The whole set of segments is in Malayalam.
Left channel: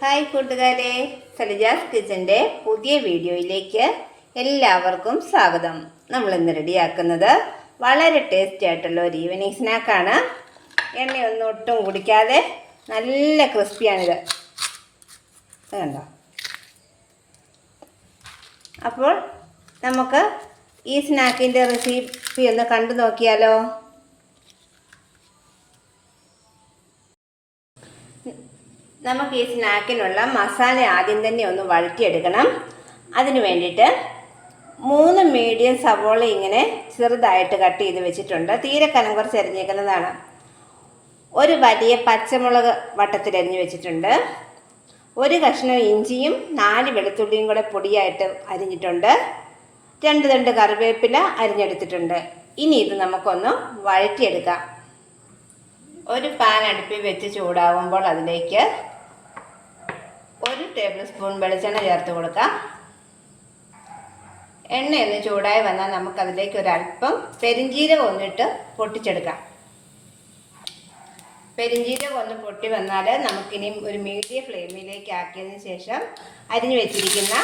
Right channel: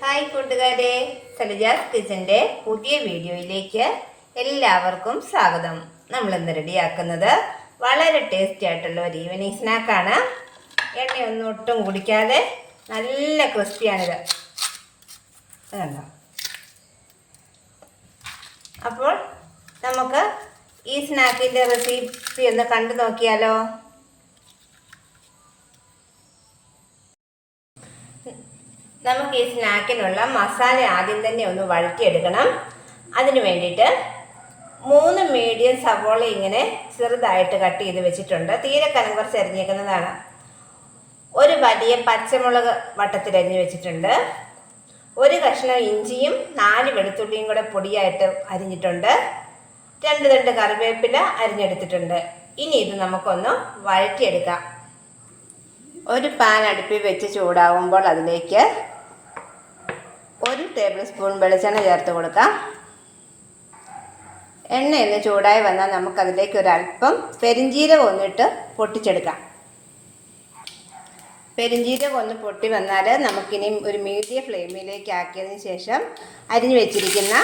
ഹായ് കൂട്ടുകാരെ സലജാസ് കിച്ചന്റെ പുതിയ വീഡിയോയിലേക്ക് എല്ലാവർക്കും സ്വാഗതം. നമ്മൾ ഇന്ന് റെഡിയാക്കുന്നത് വളരെ ടേസ്റ്റി ആയിട്ടുള്ള ഒരു ഈവനിങ് സ്നാക്കാണ്. എണ്ണയൊന്നും ഒട്ടും കുടിക്കാതെ നല്ല ക്രിസ്പിയാണിത്. കണ്ടോ? അപ്പോൾ നമുക്ക് ഈ സ്നാക്കിന്റെ റെസിപ്പി ഒന്ന് കണ്ടു നോക്കിയാലോ? നമുക്ക് ഈ സ്നാക്കിനുള്ള മസാല ആദ്യം തന്നെ ഒന്ന് വഴറ്റിയെടുക്കണം. അതിന് വേണ്ടിയിട്ട് മൂന്ന് മീഡിയം സവോള ഇങ്ങനെ ചെറുതായിട്ട് കട്ട് ചെയ്ത് വെച്ചിട്ടുണ്ട്. തീരെ കനം കുറച്ച് അരിഞ്ഞേക്കുന്നതാണ്. ഒരു വലിയ പച്ചമുളക് വട്ടത്തിൽ അരിഞ്ഞു വെച്ചിട്ടുണ്ട്. ഒരു കഷ്ണം ഇഞ്ചിയും നാല് വെളുത്തുള്ളിയും കൂടെ പൊടിയായിട്ട് അരിഞ്ഞിട്ടുണ്ട്. രണ്ട് രണ്ട് കറിവേപ്പില അരിഞ്ഞെടുത്തിട്ടുണ്ട്. ഇനി ഇത് നമുക്കൊന്ന് വഴറ്റിയെടുക്കാം. ഒരു പാൻ അടുപ്പിൽ വെച്ച് ചൂടാവുമ്പോൾ അതിലേക്ക് ഒരു ടേബിൾ സ്പൂൺ വെളിച്ചെണ്ണ ചേർത്ത് കൊടുക്കാം. എണ്ണ ഒന്ന് ചൂടായി വന്നാൽ നമുക്കതിലേക്ക് ഒരല്പം പെരിഞ്ചീരകം ഒന്നിട്ട് പൊട്ടിച്ചെടുക്കാം. പെരിഞ്ചീരകം ഒന്ന് പൊട്ടി വന്നാൽ നമുക്കിനി ഒരു മീഡിയം ഫ്ലെയിമിലേക്ക് ആക്കിയതിന് ശേഷം അരിഞ്ഞു വെച്ചിരിക്കുന്ന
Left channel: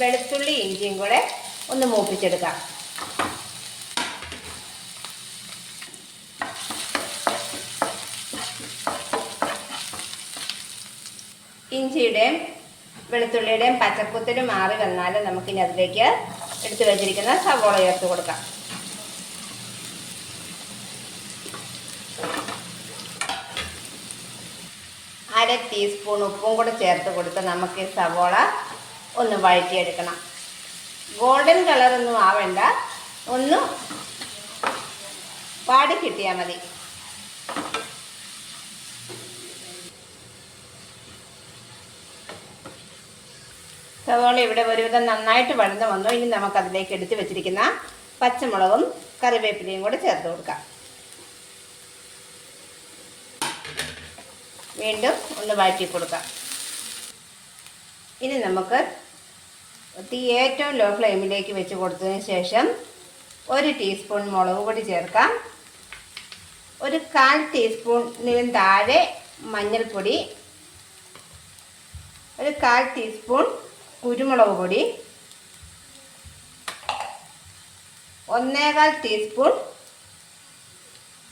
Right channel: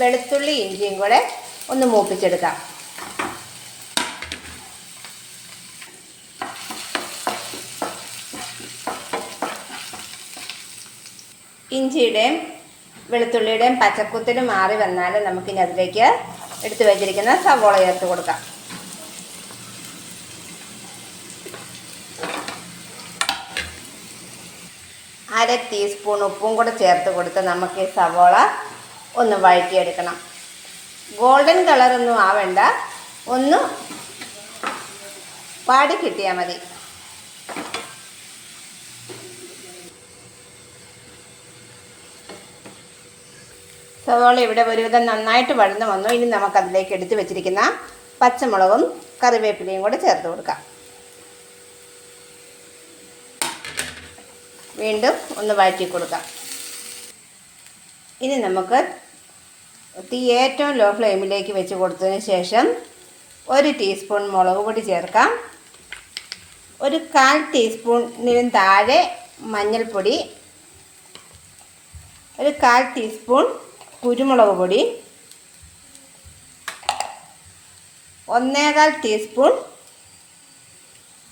വെളുത്തുള്ളി ഇഞ്ചിയും കൂടെ ഒന്ന് മൂപ്പിച്ചെടുക്കാം. ഇഞ്ചിയുടെയും വെളുത്തുള്ളിയുടെയും പച്ചക്കുത്തിലും മാറി വന്നാൽ നമുക്കിനി അതിലേക്ക് എടുത്തു വെച്ചിരിക്കുന്ന സവോള ചേർത്ത് കൊടുക്കാം. അര ടീസ്പൂൺ ഉപ്പും കൂടെ ചേർത്ത് കൊടുത്ത് നമുക്ക് സവോള ഒന്ന് വഴറ്റിയെടുക്കണം. ഗോൾഡൻ കളറൊന്നും ആവേണ്ട. ഒന്ന് വാടി കിട്ടിയാൽ മതി. സവോള ഇവിടെ ഒരുവിധം നന്നായിട്ട് വഴന്ന് വന്നു. ഇനി നമുക്കതിലേക്ക് എടുത്ത് വെച്ചിരിക്കുന്ന പച്ചമുളകും കറിവേപ്പിലയും കൂടെ ചേർത്ത് കൊടുക്കാം. വീണ്ടും ഒന്ന് വഴറ്റി കൊടുക്കാം. ഇനി നമുക്ക് തീ ഏറ്റവും ലോ ഫ്ലെയിമിലേക്ക് വെച്ച് കൊടുത്തതിന് ശേഷം ഒരു ടീസ്പൂൺ മുളക് പൊടി ചേർക്കാം. ഒരു കാൽ ടീസ്പൂണിനും താഴെ മഞ്ഞൾപ്പൊടി. ഒരു കാൽ ടീസ്പൂൺ കുരുമുളക് പൊടി. ഒന്നേകാൽ ടീസ്പൂൺ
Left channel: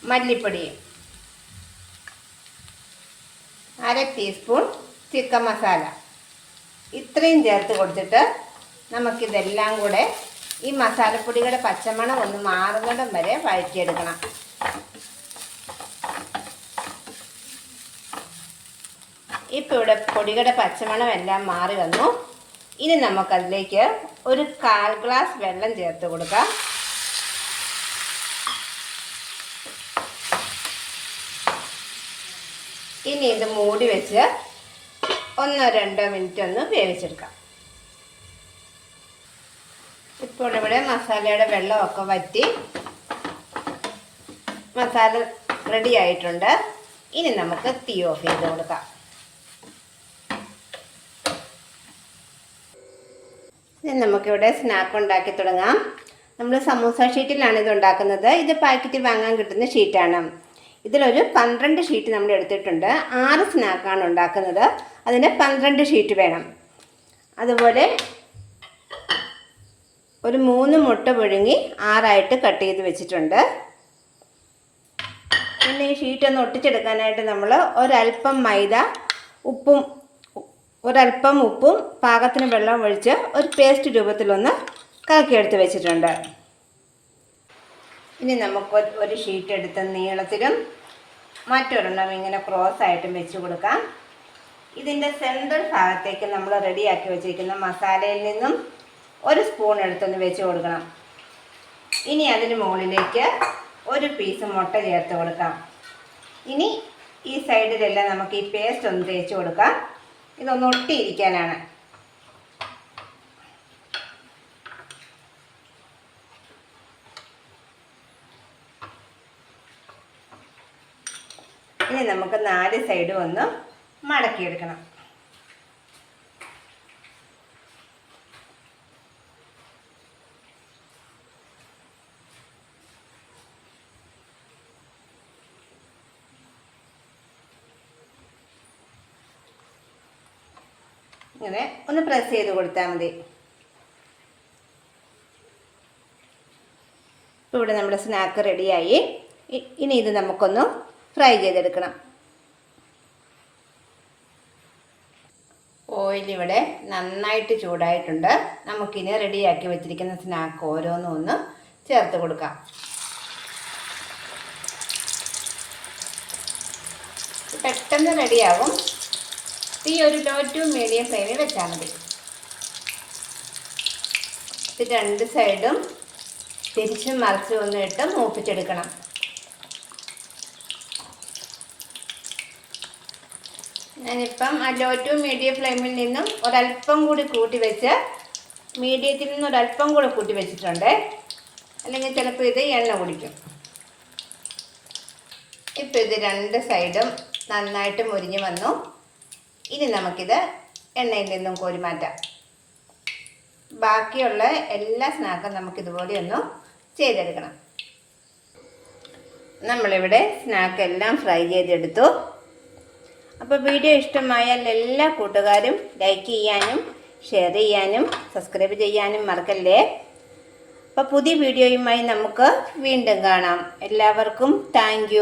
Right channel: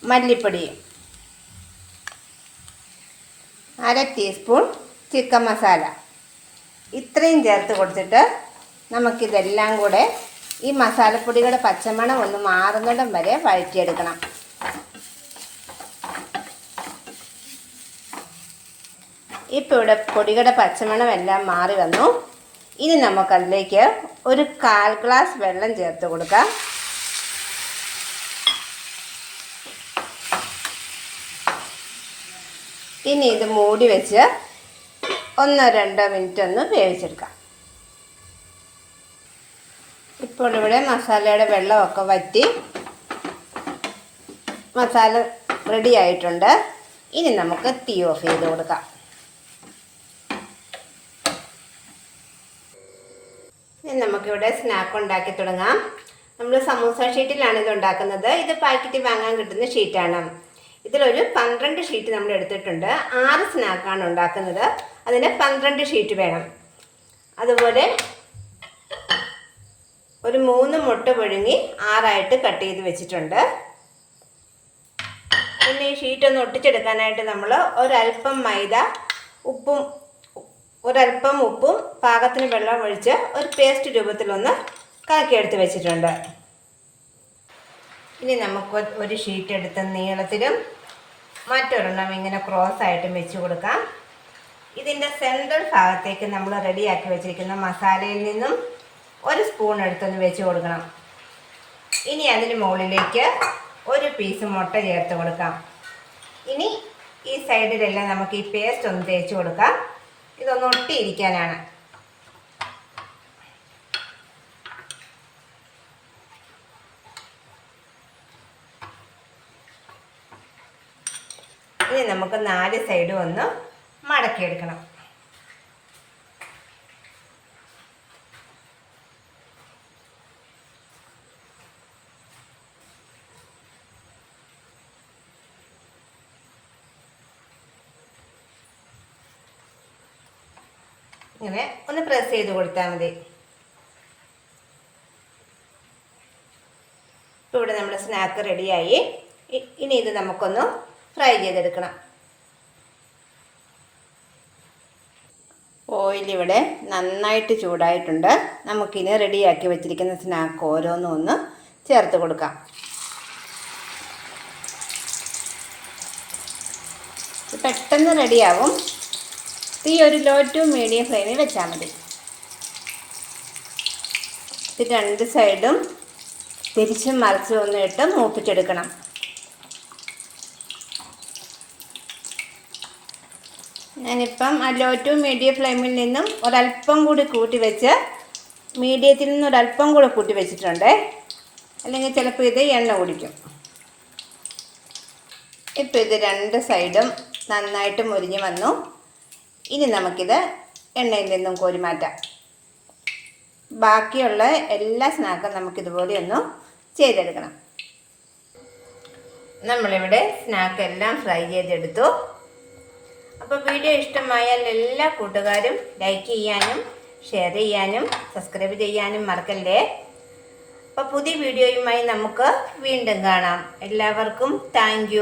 മല്ലിപ്പൊടി. അര ടീസ്പൂൺ ചിക്കൻ മസാല. ഇത്രയും ചേർത്ത് കൊടുത്തിട്ട് നമുക്കിതെല്ലാം കൂടെ ഈ മസാലപ്പൊടിയുടെ പച്ചമണം ഒന്ന് മാറുന്നിടം വരെ വഴറ്റിയെടുക്കണം. ഇപ്പോൾ ഇവിടെ പൊടിയുടെ പച്ചമണം എല്ലാം മാറി വന്നു. ഇനി നമുക്കതിലേക്ക് ഒരു കാൽ ഗ്ലാസ് വെള്ളം ചേർത്ത് കൊടുക്കാം. ഇനി ഇത് മൂടി വെച്ച് ഒന്നോ രണ്ടോ മിനിറ്റ് ഒന്ന് വേവിച്ചെടുക്കാം. ഇപ്പോൾ ഇവിടെ മസാലയുടെ വെള്ളമൊക്കെ വറ്റി മസാല റെഡി ആയിട്ടുണ്ട്. ഇനി നമുക്ക് തീ ഓഫ് ചെയ്ത് കൊടുക്കാം. നമുക്കിവിടെ സ്നാക്ക് ഉണ്ടാക്കി തുടങ്ങാം. നമ്മൾ സമൂസ ഷീറ്റിലാണ് ഇത് ഉണ്ടാക്കുന്നത്. ഇത് പാക്കറ്റ് വാങ്ങാൻ കിട്ടുന്ന ഷീറ്റാണ് ഇതിലൊരു പന്ത്രണ്ട് ഷീറ്റ് നമ്മൾ എടുത്തിട്ടുണ്ട്. ആറ് സ്നാക്കാണ് ഉണ്ടാക്കുന്നത്. അതിന് പന്ത്രണ്ട് ഷീറ്റ് വേണം. അതുപോലെ ഒരു മൂന്ന് മുട്ട പുഴുങ്ങി ആറായിട്ട് കട്ട് ചെയ്ത് വെച്ചിട്ടുണ്ട്. പിന്നെ ഈ ഷീറ്റ് ഒന്ന് ഒട്ടിച്ചെടുക്കാനായിട്ട് നമ്മൾ ഒരൽപ്പം മൈദ ഉപ്പും ഒരല്പം ഉപ്പും പാകത്തിന് വെള്ളം ഒഴിച്ച് ഒരു പേസ്റ്റ് രൂപത്തിലൊന്ന് കലക്കിയെടുത്ത് വെച്ചിട്ടുണ്ട്. ഇനി നമുക്ക് ഒരു ഷീറ്റ് എടുത്ത് നീളത്തിലും മറ്റൊരെണ്ണം ഇങ്ങനെ ക്രോസ് ആയിട്ടും വെച്ച് കൊടുക്കാം. ഇതിന്റെ സെൻട്രൽ ഭാഗത്തേക്ക് നമ്മൾ റെഡിയാക്കി വെച്ചിരിക്കുന്ന മസാലയിൽ നിന്നും ഒരു സ്പൂൺ എടുത്തൊന്ന് വെച്ച് കൊടുക്കണം. ഇനി അതിന് മുകളിലേക്ക് ഒരു പീസ് മുട്ട ചേർത്ത് കൊടുക്കാം. ഇനി ഈ സൈഡിലെല്ലാം നമുക്ക് ഈ പേസ്റ്റ് ഒന്ന് തേച്ച് കൊടുക്കാം. ഇതൊന്ന് ഒട്ടിയിരിക്കാനാണ്. ഇനി നമുക്ക് നാല് സൈഡും ഒന്ന് മടക്കിയെടുക്കണം. ഇങ്ങനെ ഒന്ന് പ്രസ് ചെയ്ത് കൊടുത്താൽ മതി. ഇവിടെ നമ്മുടെ സ്നാക്ക് റെഡിയായി ഇനി ഇത് നമുക്കൊന്ന് ഫ്രൈ ചെയ്തെടുക്കണം. ഓയിൽ ഇവിടെ നന്നായിട്ട് ചൂടായിട്ടുണ്ട്. നമുക്കിനി റെഡിയാക്കി വെച്ചിരിക്കുന്ന സ്നാക്ക് ഓരോന്നും ഒന്ന് ചേർത്ത് കൊടുക്കാം. പെട്ടെന്ന് റെഡിയാവും തീ ഒരു ലോ ടു മീഡിയം ഫ്ലെയിമിൽ വെച്ചാൽ മതി. ഇത് രണ്ട് സൈഡും തിരിച്ചും മറിച്ചും ഒന്ന് ഇട്ട് മൂപ്പിച്ചെടുക്കണം. ഞാനിപ്പം ലോ ടു മീഡിയം ഫ്ലെയിമിൽ നിന്നും ഒരല്പം കൂടി കൂട്ടി വെച്ച് മീഡിയത്തിൽ നിന്ന് ഒരല്പം കൂടി കൂട്ടി വെച്ചിട്ടുണ്ട്. അല്ലെങ്കിൽ ചിലപ്പോൾ ഇത് എണ്ണ കുടിക്കും. ഇപ്പോൾ ഇത് രണ്ട് സൈഡും നന്നായിട്ട് മുരിഞ്ഞ് വന്നു. ഇനി നമുക്കിത് എണ്ണയിൽ നിന്നും കോരി മാറ്റാം. ബാക്കിയുള്ള എല്ലാ സ്നാക്കും നമുക്കിതുപോലെ ഒന്ന് ചെയ്തെടുക്കണം. നമ്മളിവിടെ സ്നാക്ക് എല്ലാം ഫ്രൈ ചെയ്തെടുത്തു. അപ്പോൾ വീഡിയോ ഇഷ്ടമായാൽ എല്ലാ കൂട്ടുകാരും ലൈക്ക് ചെയ്യാനും ഷെയർ ചെയ്യാനും സബ്സ്ക്രൈബ് ചെയ്യാനും മറക്കല്ലേ? അപ്പോൾ പുതിയ വീഡിയോയുമായി നമുക്ക് വീണ്ടും കാണാം. എല്ലാവർക്കും താങ്ക്